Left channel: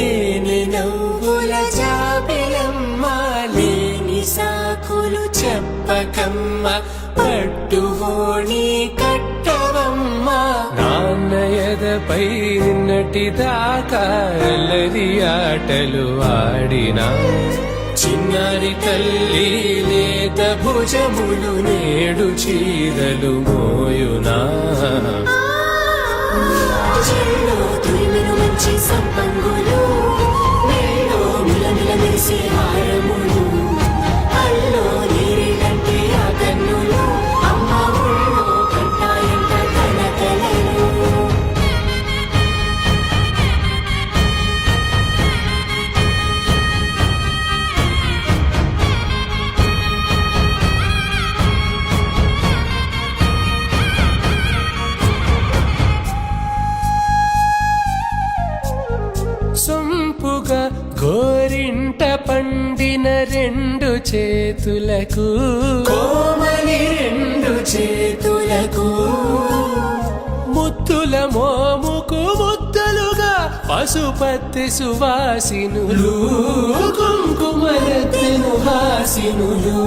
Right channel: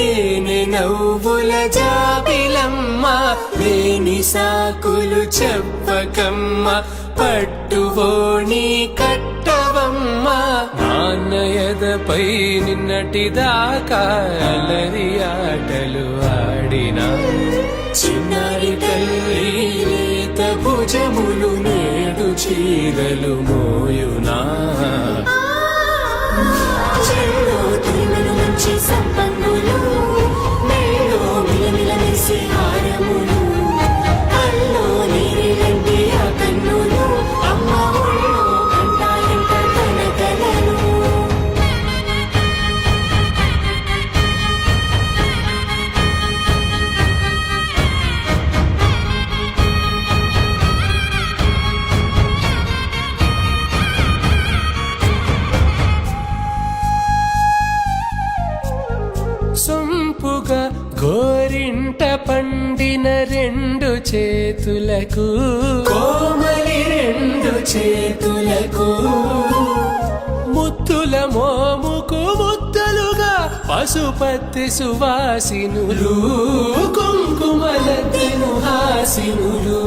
తేనె నవ్వుల జాబిలమ్మ లేని సాకులు చెప్పకమ్మ పట్టువోణి కట్టవమ్మ నాన్నయదపై నిన్నటిదాకా అల్లరి ఆటలు ఆడినా చిన్నారి తల్లి లేత భుజములు నేడు చీరలు మోయునా మంచి సంపంగులు మెళ్ళో మిలమిల మెరిసే హారములు అల్లో నీరిలంటే ఆ కన్నులు అమ్మ ఒళ్ళో కంటాయంట కలకలను సొంపుగా గోరింట పండిన రెండు చేతులకు కోమలి రెండు చేతులకు ముద్దుల మోముకు ముద్దలుగా పసుపత్తి సువాసినులు కుంకుమలెత్తిను హాసినులు